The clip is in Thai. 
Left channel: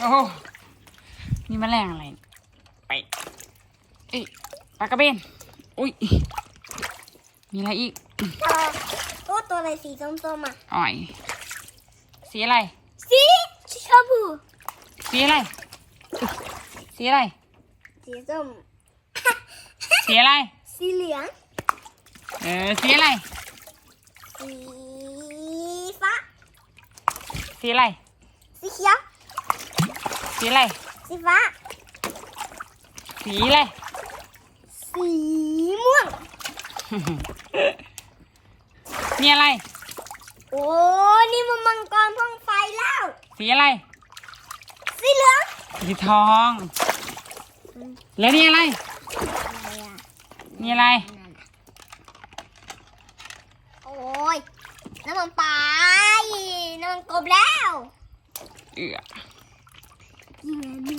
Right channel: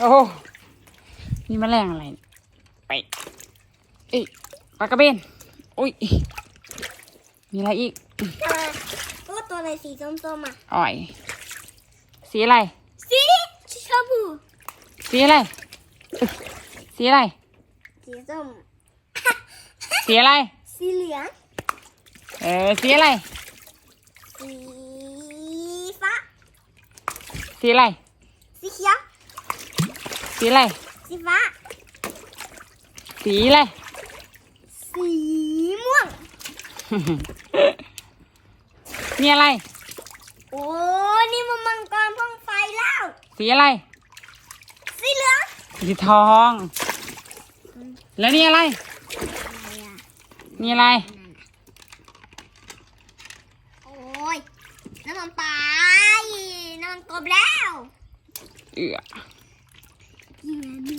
โอ้นี่แมลงอะไรเนี่ยไปเอ้ยปลากระเบนโอ้ย มีอะไรอีกเออโอ้ตัวอะไรสีส้มๆอะอ่อย สีอะไร สีชมพูสีอะไร สีอะไร สีส้ม สีอะไร สีเหลือง เออ สีอะไร สีฟ้า สีอะไร สีเขียว สีอะไร สีฟ้า สีอะไร สีม่วง มีอะไร โอ้ นี่มันมังกรพ่องไฟแล้ว สีอะไร สีเหลือง สีทอง แล้วนี่อะไรอะไรอะมีอะไร โอ้ยน้ำมันปลาน้ำมันกบแล้ว เอือ Iya.